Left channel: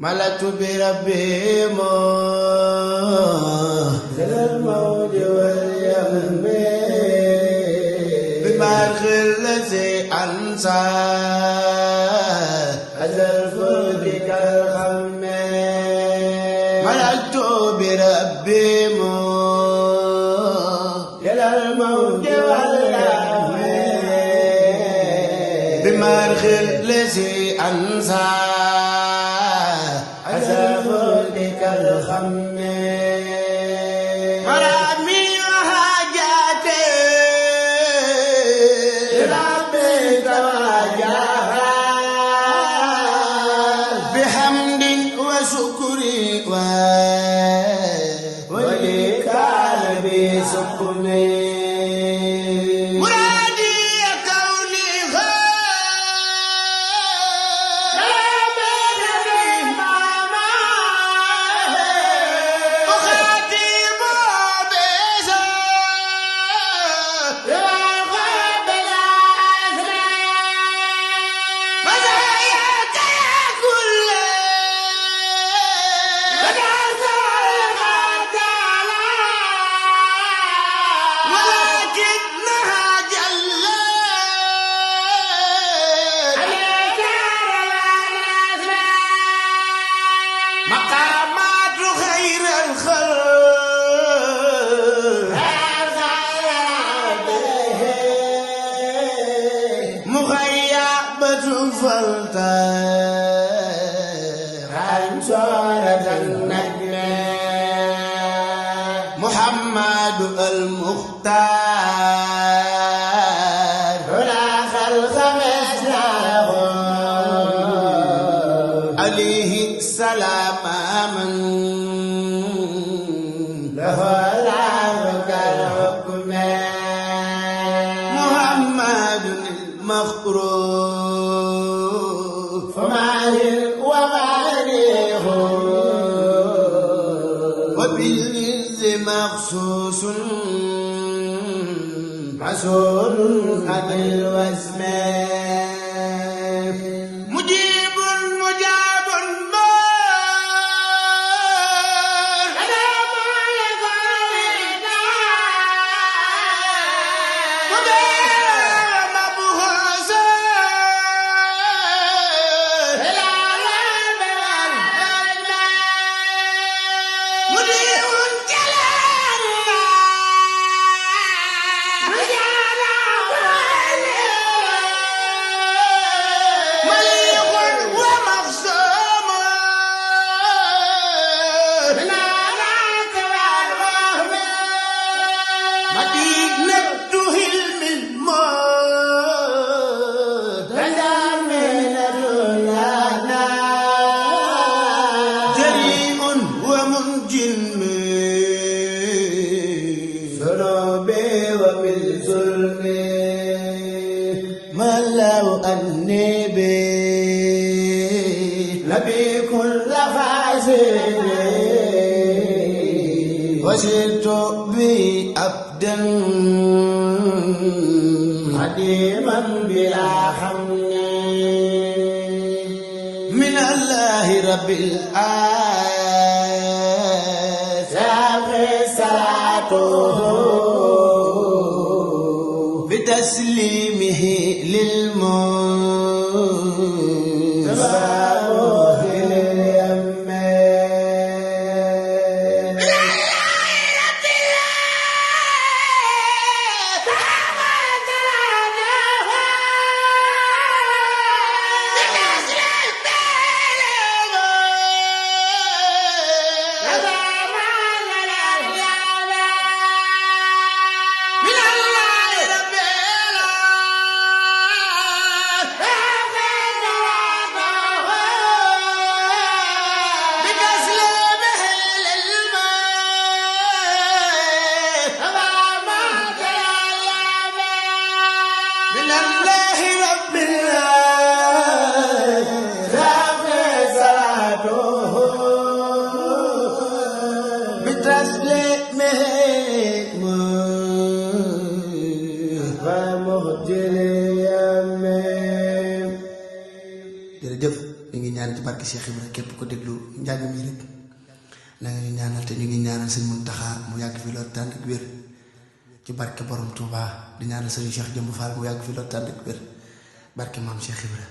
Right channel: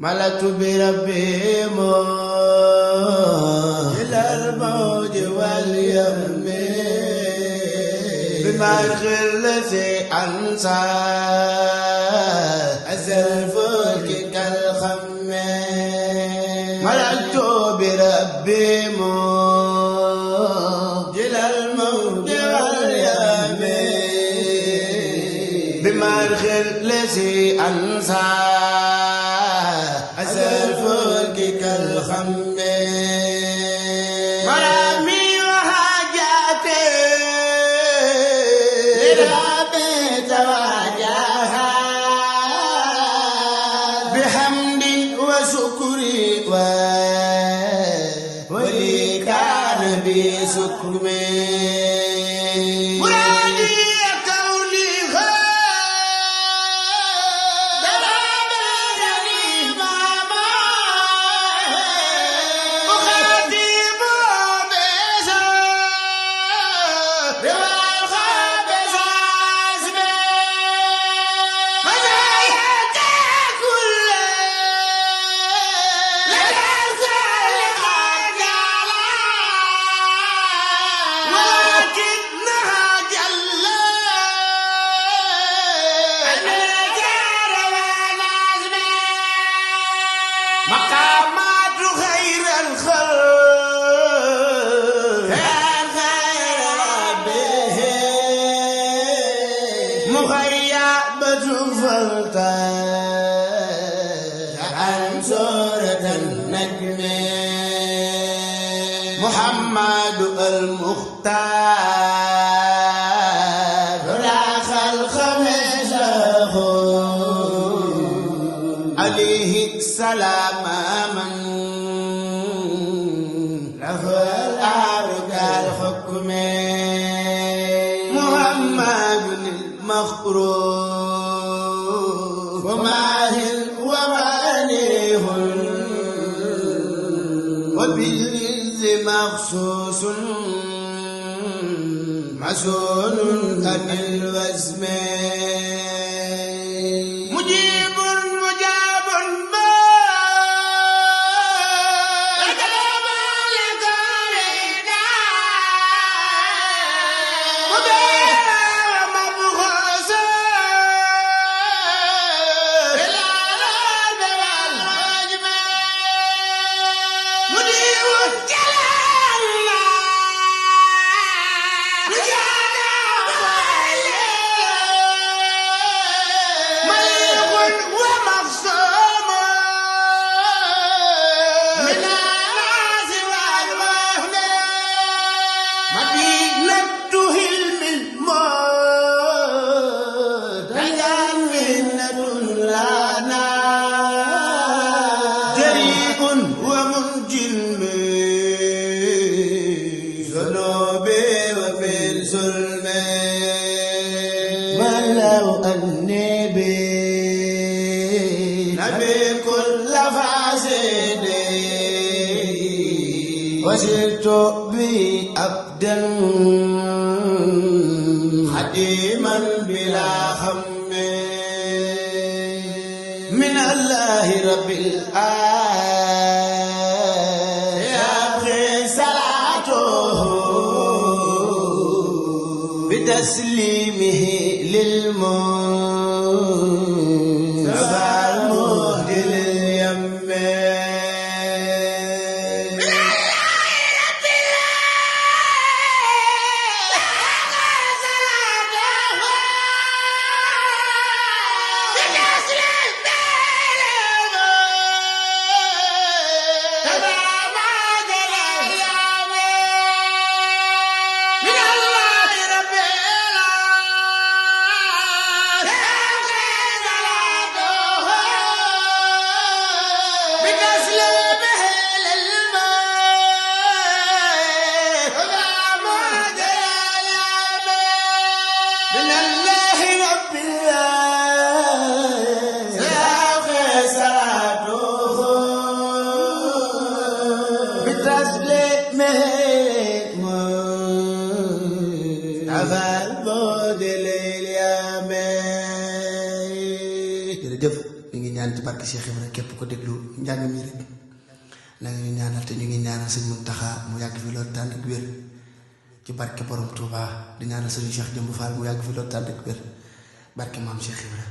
ملأت بربي إلى الموت واليم بمرخ الذي أنسى أزل فوقك الهم ملأت بربي إلى الموت واليم بمرخ الذي أنسى الخم مرامي وحاجاتي لربك وجاها بحمد وشكري وإكرام بسكمي مقامات خير الخلق مغيبة فلتر عن سورة النجم محمد المختار لا خلق مثله عليه السلام من له العرق الحكم محمد المخروف وماليه وبالعز مخصوص مسؤول عن الوزن مجيب مجاب مدينة هلم الموت تجمعنا لنا جريء ومنجم ذنوبي وبالظلم ما لو أني نبي كل فاسد وسرت بي أبدا خديما بلا هم من الله رب العالمين صلاته بتسليمه من الله رب العالمين صلاته بتسليمه jërëjëf ñu ngi ñaan ci barke Cheikh Ibra képp ko déglu njàng mi rek na nga ñu ñaanal te ñu ngi ñaanal sëñ Muntaxa mu yàgg fi loolu tànd ak wér ci barke borom Touba di ñaanal sëñ Cheikh Jëmb Fall mu yàgg fi loolu tànd ak wér barke maam Cheikh Ibra